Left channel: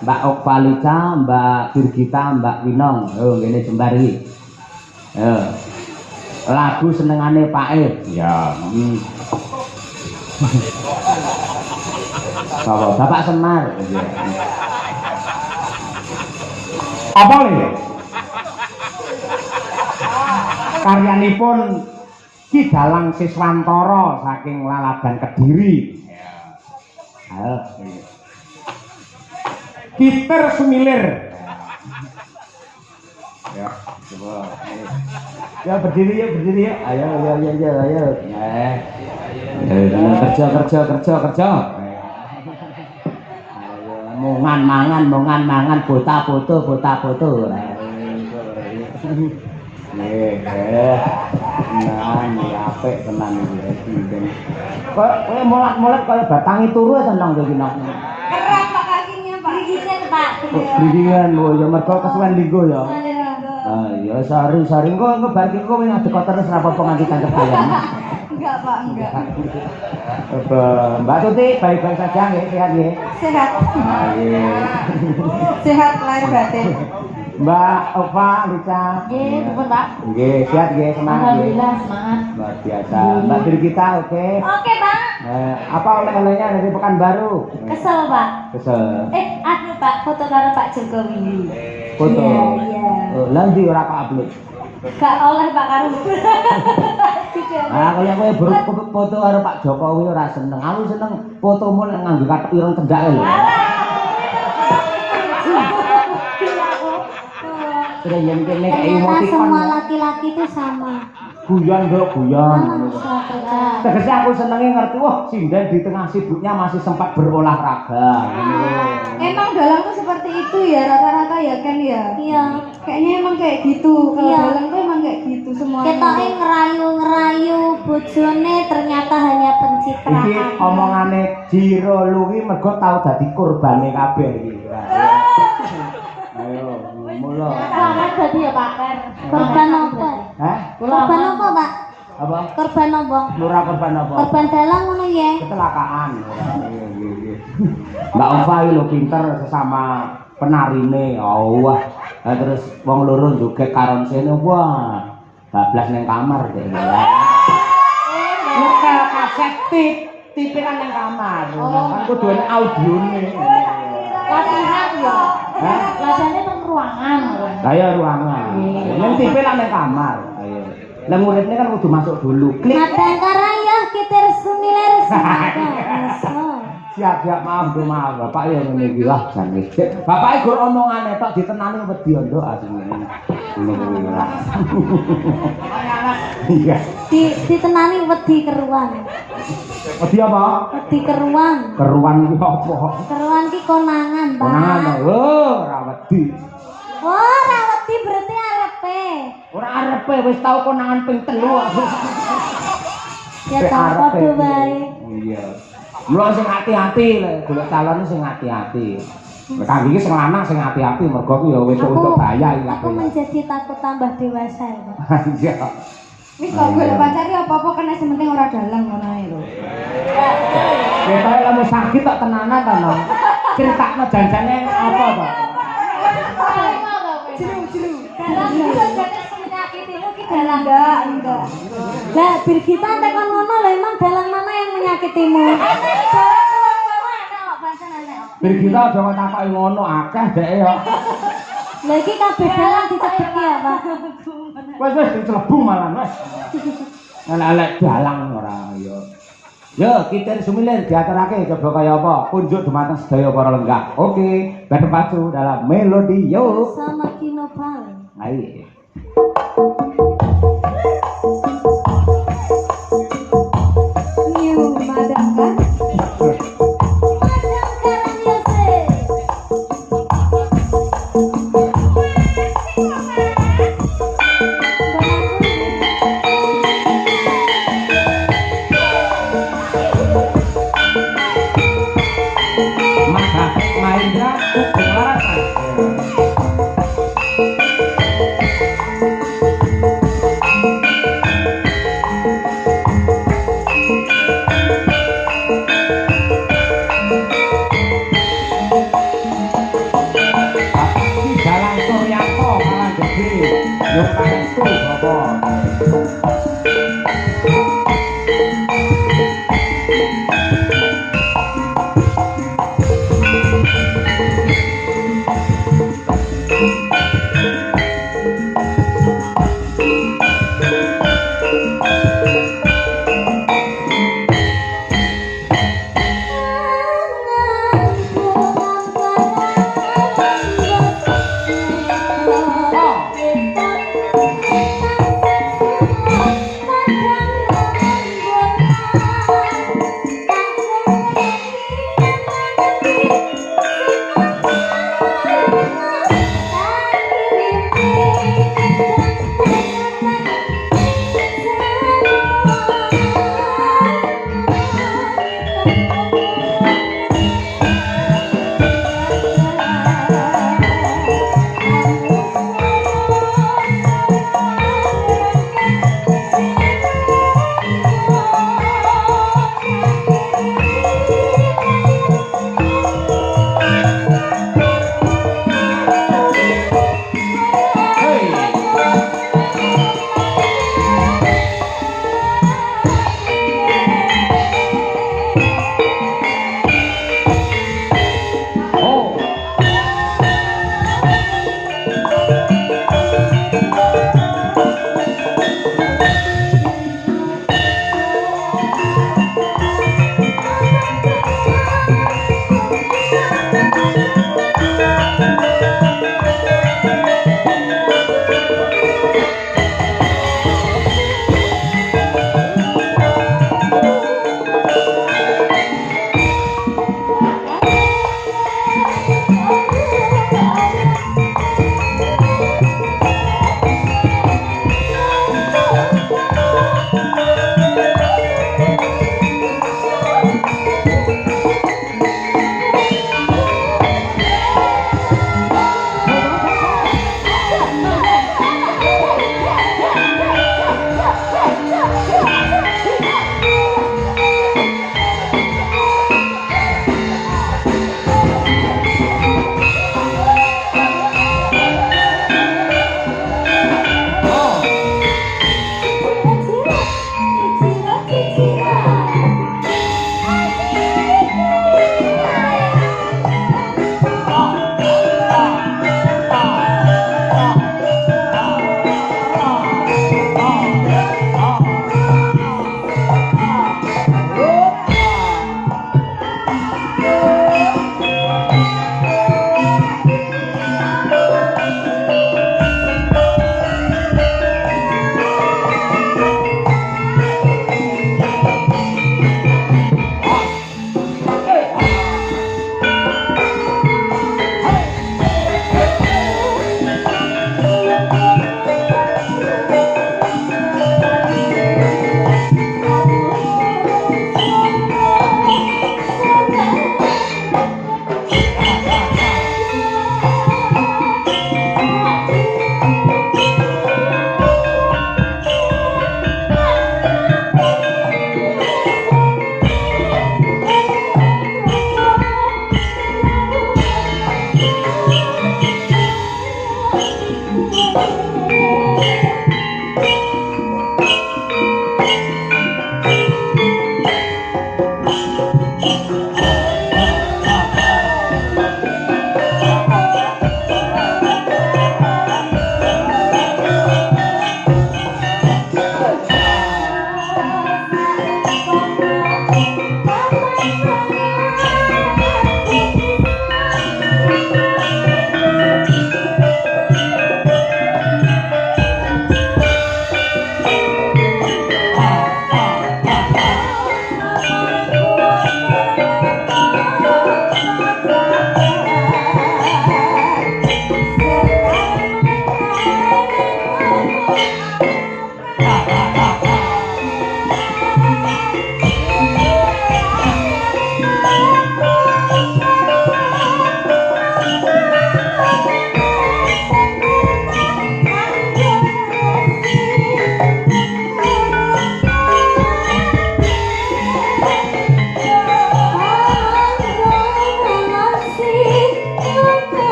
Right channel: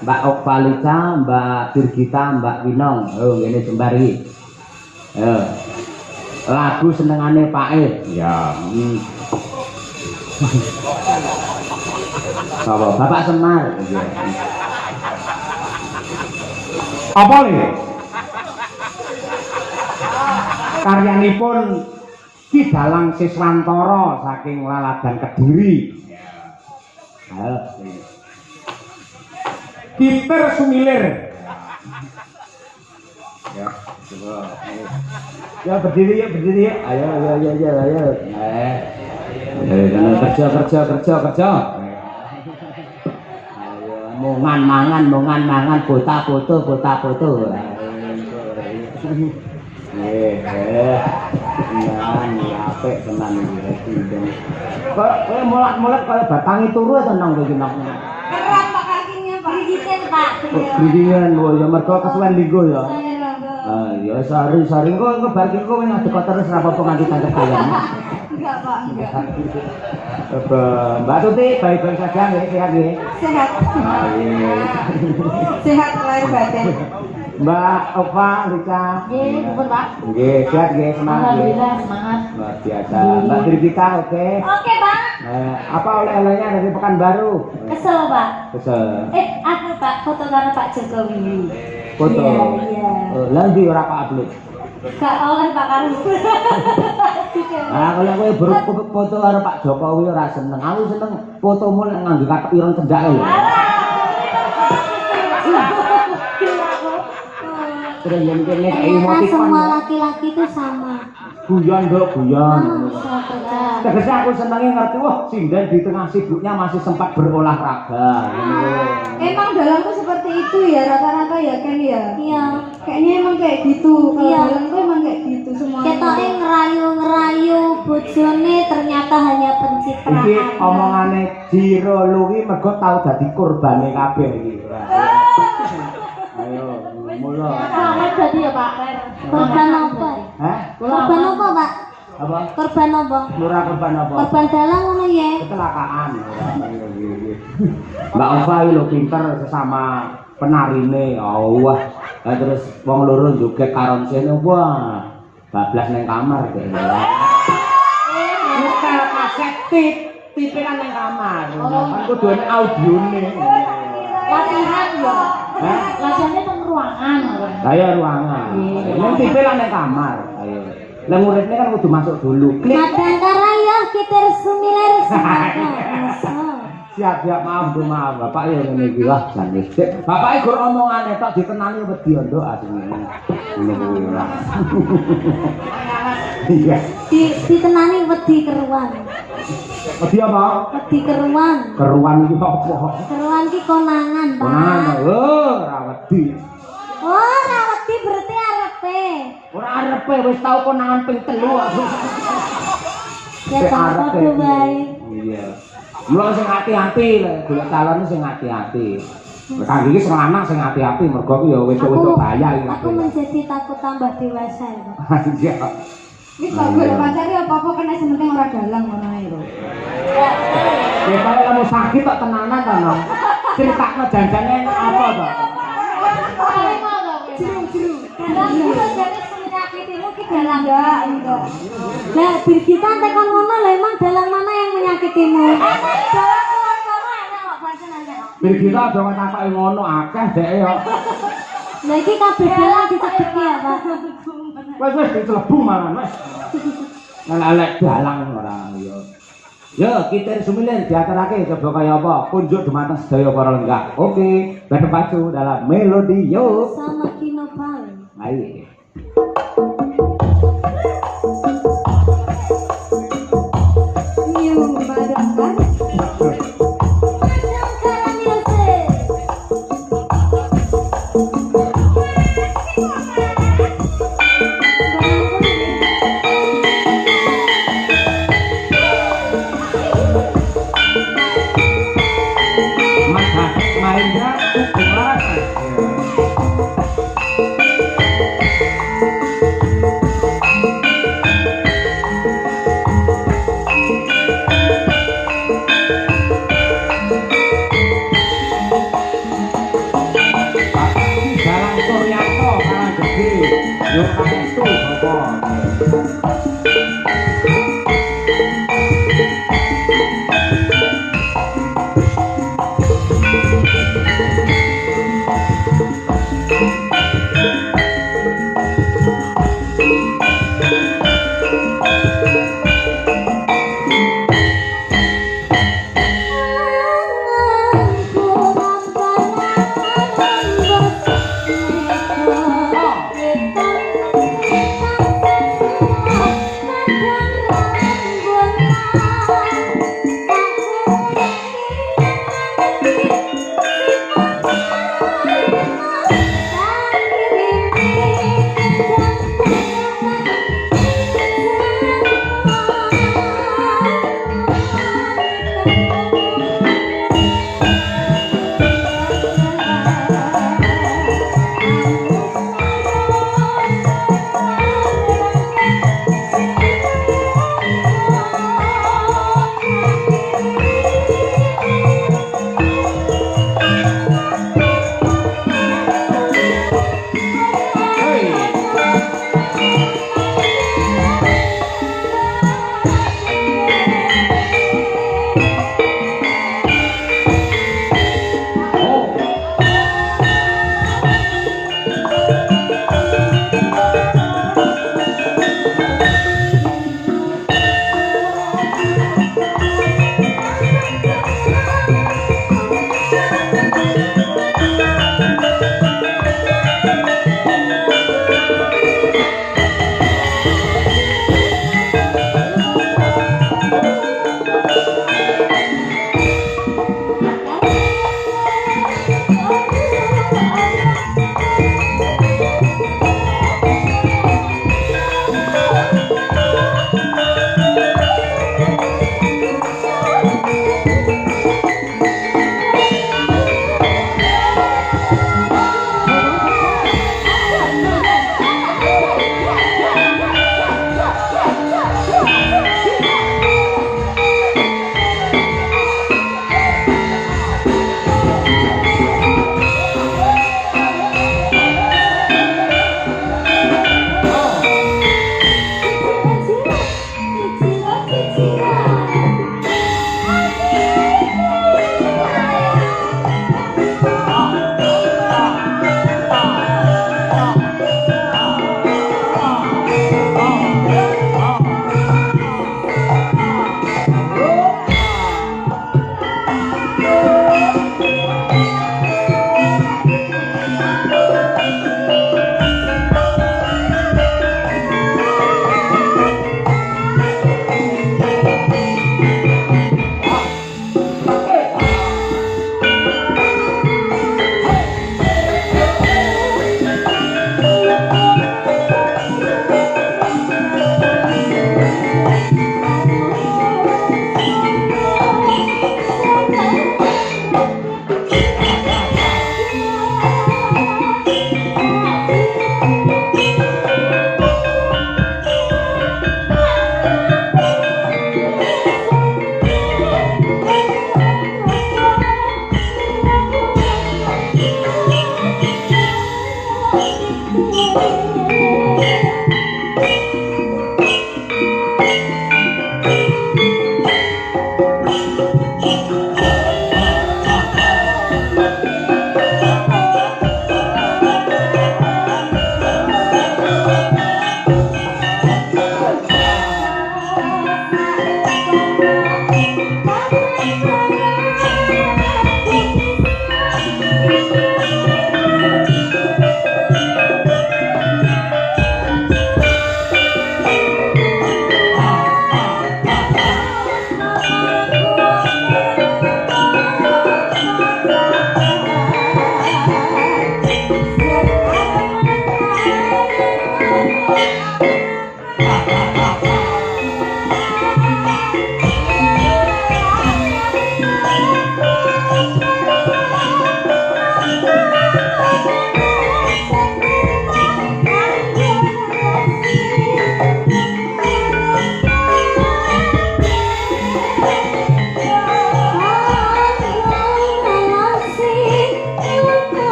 Mbak Okvalita, Mbak Birgita, Mbak Winong. Oh, ini jembar iki. Yo. Lagu senengane Pak E. Ya. Bapak Semar. Apa nih? Karyanipun Ki Dalang Siswantoro saking Laladan Kediri. Ayo. Gitar Sumilir. Ya, coba. Ya berdiri ya. Ayo. Kerja. Ayo, mongan, bota foto. Apik tenan iki. Kowe molak-molak kaya batangi turu tenang kowe iki nang. Kerap Pak kakinya Pak. Gigitnya Pak. Gringingan ya mergo kesuwen linggo ya. Ah ya sari kok ngebar ki kowe ngadep terus ora apa-apa nganti tangkep ya. Enggak Pak, enggak. Mbak Tuti baik-baik saja nggih, sehat nggih. Sehat. Nggih. Sehat lahir batin. Mbak Ova, Lisa. Nggih, pun Pak. Nggih, sehat nggih, semangat nggih. Alhamdulillah semangat. Luar biasa. Mbak Birgita oke. Oke Pak. Apa oleh-olehnya dari Pekanbaru? Kesel Pak. Kesel. Aku Pak foto karo Pak Jokowi. Foto. Iya. Lah ndi ora Pak upload. Gak oleh Pak karo. Ah, kalau kowe buruk foto karo Pak Jokowi ora seneng. Aku seneng fotomu nek nganggo katok ireng cendak lho. Terus yang kene emoticon. Semua laki-laki itu sama. Guyon. Tegese Sama. aku senenge ngerti wah sinden di tengah sibuknya masih sempat berolahraga. Emang dalang tuh seperti itu ya rata-rata ya kan ya. Iya. Kayaknya emang kayak gitu. Kalau Iya. dalang tuh emang kayak gitu semua. Ketoknya ngerayu bojone ternyata hanya Iki pencitraan. omongane Jiro Luwi mergo tau dadi korbane kabeh iki. Ayo, mulai. Selamat jadi ya Pak. Korban apa? Hah? Korban apa Pak? Apa? Korban apa? Murah korban apa? Korban dalang ngono ya. Kecelakaan. Mbak Ova lho pinter sesama penarine. Wah. Lah terus wong loro joget karon sene wah. Bablas ning kamar deh. Nyetel kaset tipiran ning kamar. Kan kudu ana audione. Latihan ya. Hah? Latihannya teng ruangan. Lah ya ruangan. Ning tipiran ning kamar. Ayo. Lah muridnya kan kudu masuk dulu. Klik. Madang karaya kita sumiler semangat. Siap maaf Bapak ya ngene iki lah jan wis. Bapake gur omongane tok ditenani wedi nduk asine. Ngene kuwi ora. Iya. Ditenani wedi keruan. Wedi apa? Wedi keruan. Keruan iki apa? Keruan ki konangan, Pak. Konangan. Oh, ora wedi. Oh, ora wedi berarti arepe. Ora arepe wis tau konangan ping 3 aku. Ya tak padha wae. Iya. Mulai sing hati-hati lho, golek calon sing hati-hati. Kangge iki sing lanang sing hati-hati mergo ku ya wedok-wedok bahaya iki Aku menjadi takut tambah dewasa ya, Pak. Iya. Wis kok golek pacar ya apa-apa kena sing penting ora dalang ngono ae lho. Kita kamu sakit tak tenanan ta, Nong? Critakno janjane apa, Pak? Jeru. Menyakitimu ki dalang. Enggak. Lah, Birgita tekan ngono lho emang dalang mana yang menyakitimu? Birgita aja ngetakoki ngono akeh dhek ya. Lah iki kabeh dalang dicebeki ya, Pak. Wis dicelebu malah, wis. Elek dalang ora ya. Yo, kita sumilir diaturake coba kaya apa? Kunjuk dumateng sedaya para lenggah. Oke, berpacu dalam melodi yo. Sama Kino Pal. Ayo. Madang kan?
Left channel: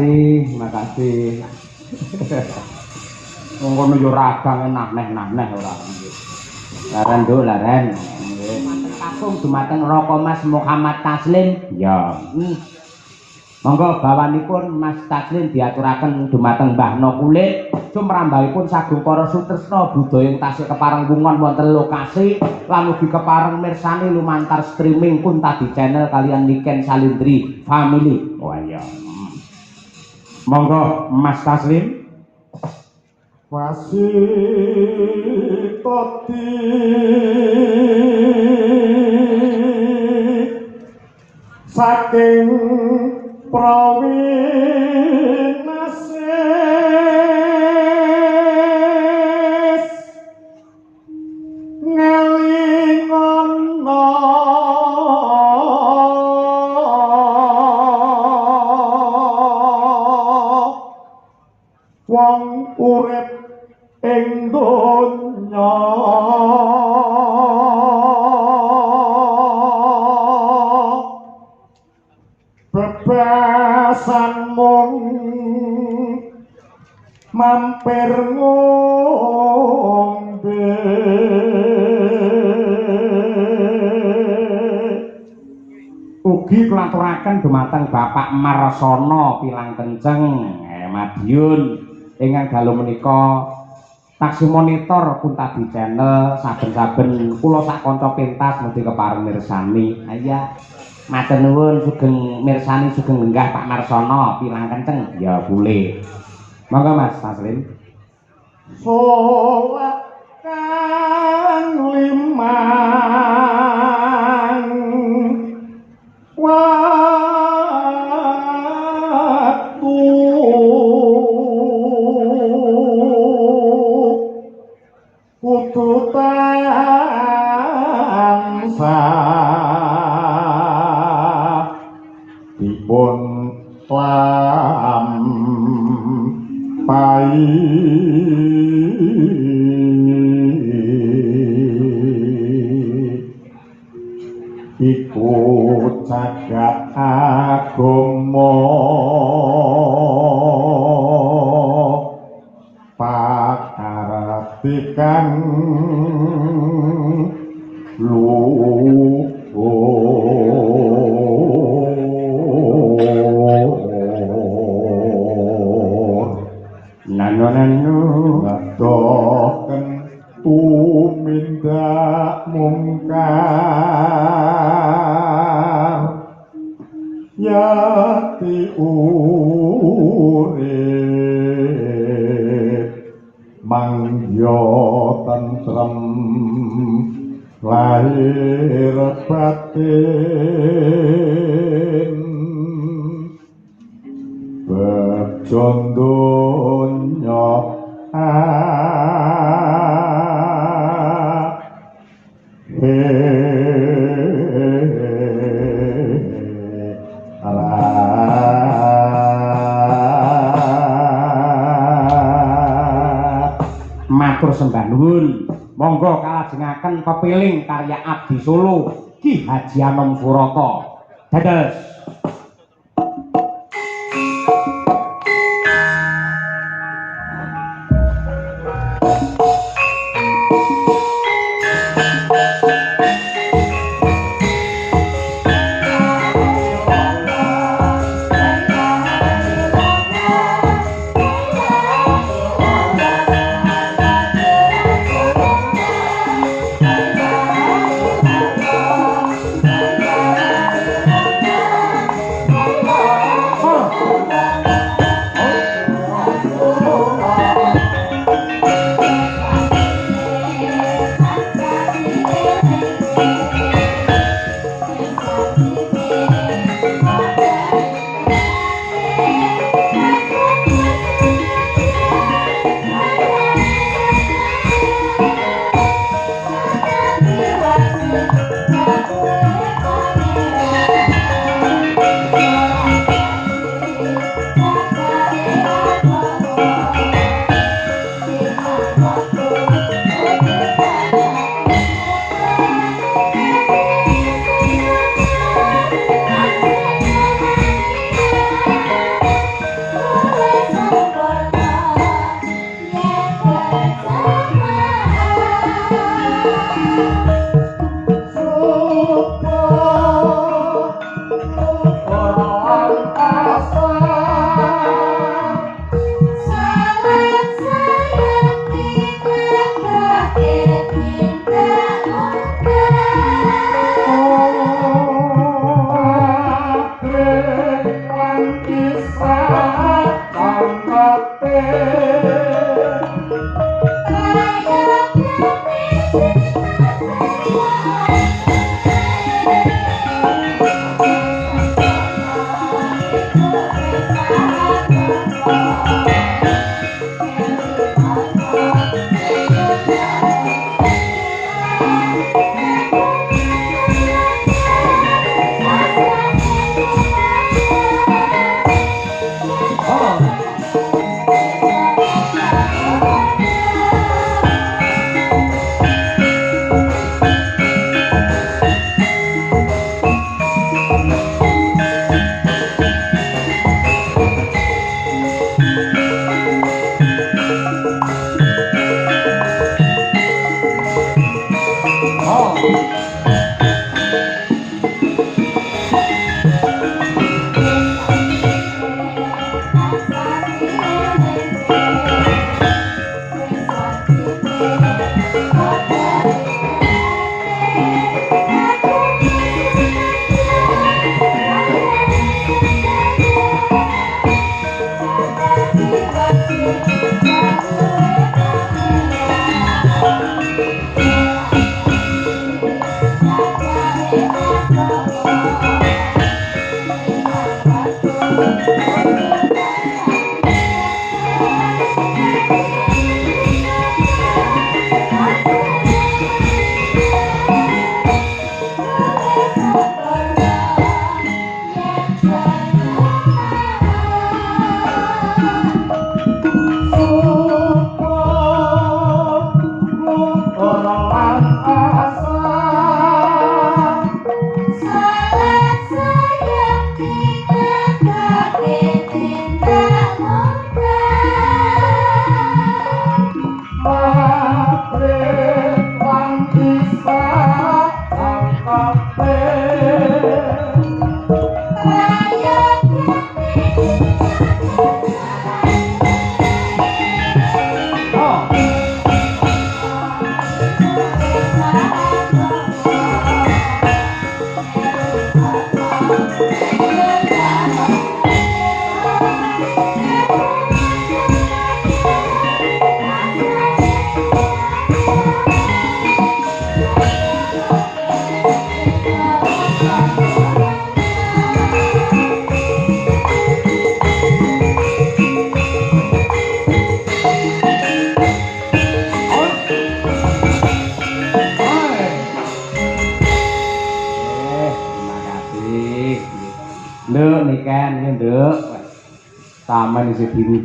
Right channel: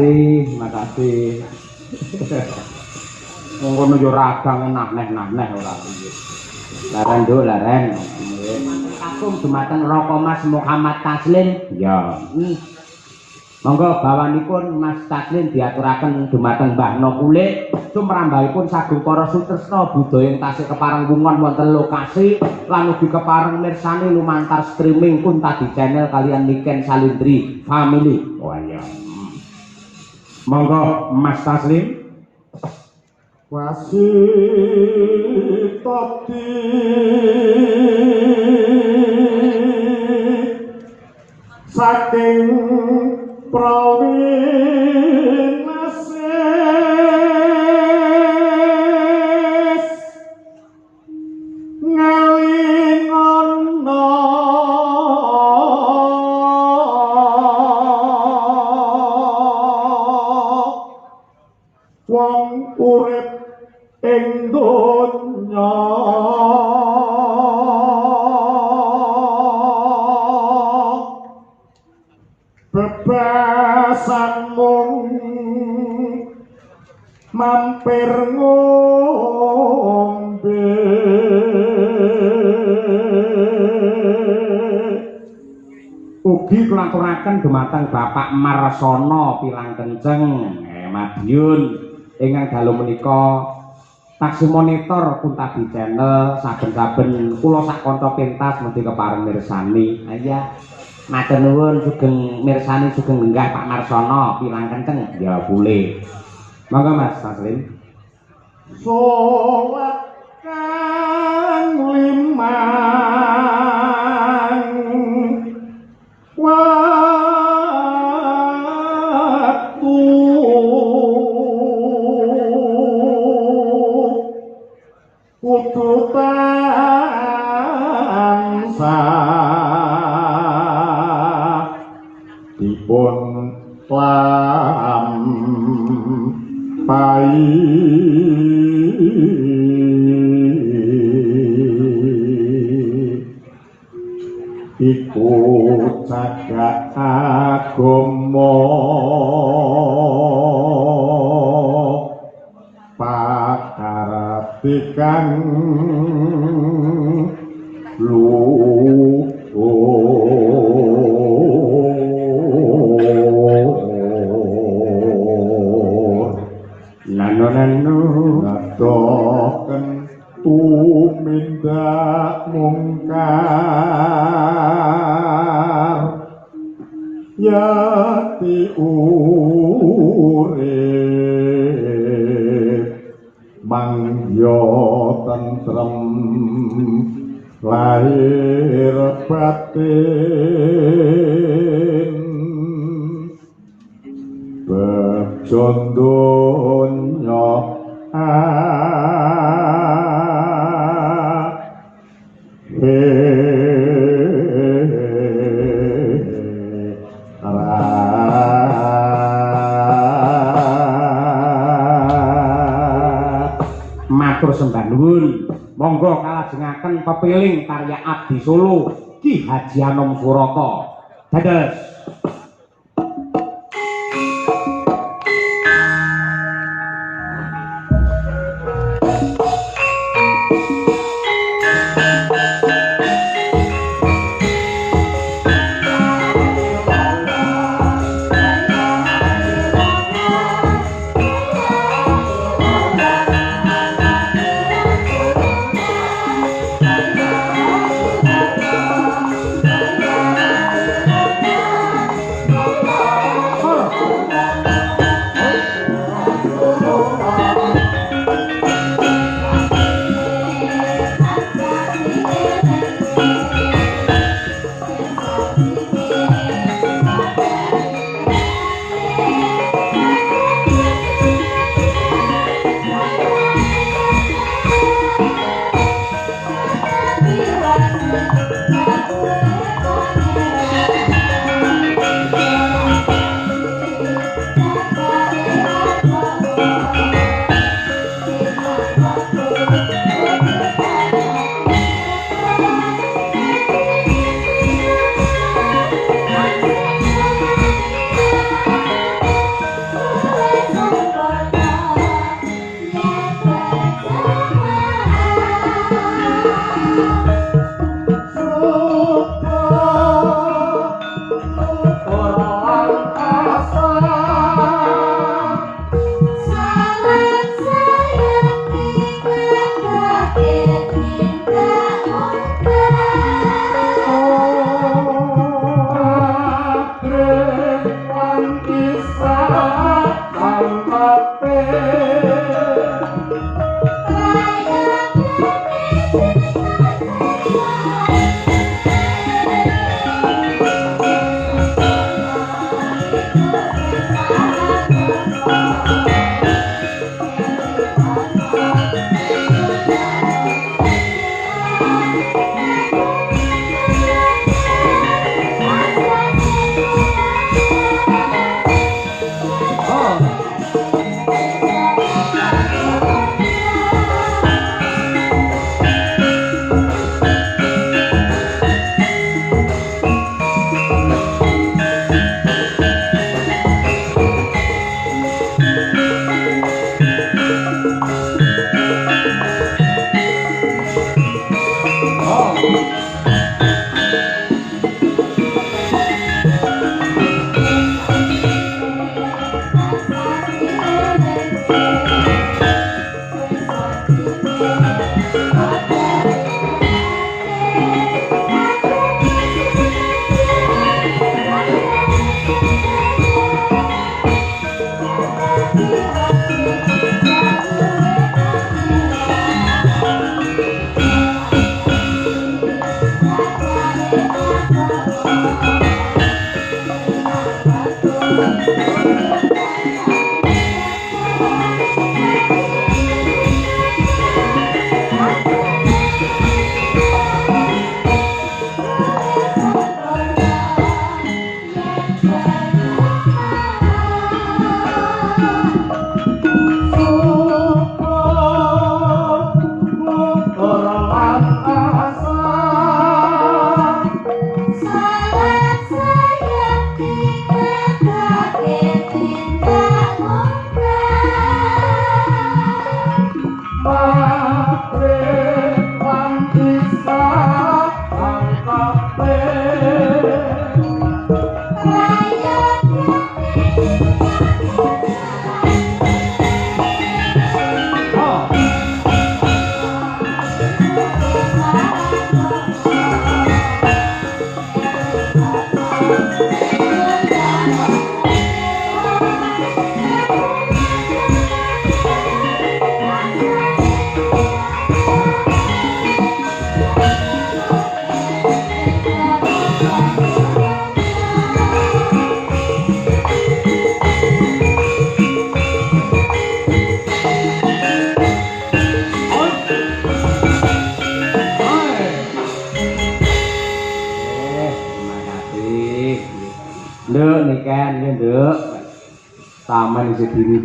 Terima kasih. Wong kono yo ragang neh-neh ora. Laren do laren. Aku dumateng Raka Mas Muhammad Taslim. Ya. Monggo bawanipun Mas Taslim diaturaken dumateng Mbah No Kulit. Sumrambahipun sagung para sutresna budaya ing tasih kepareng wungon wonten lokasi lan ugi kepareng mirsani lumantar streaming Kunta di channel kalian Niken Salindri Family. Oh iya. Monggo Mas Taslim. Wasitoti saking prawinasis ngalingono wong urip ing donya bebasan mung mampir ngombe ugi kulaturaken dumateng Bapak Marsana Pilang Kenceng Madiun ingkang dalu menika taksi monitor Kuntabi channel saben-saben kula sak kanca pentas mesti kepareng mirsani. Aya matur nuwun sugeng mirsani sugeng lenggah Pak Marsana Pilang Kenceng. Ya boleh. Monggo Mas Taslim. salat kang limang waktu kudu tansah dipun lampahi iku jagat agama pakaratikan luhur Nanu ngadoken tumindak mungkar yati urip mangya tentrem lahir batin bejon donya matur sembah nuwun Monggo kalajengaken pepiling karya Abdi Solo Ki Haji Anom Suraka. Dados. Nduk niken nduk. Taman isi dinten.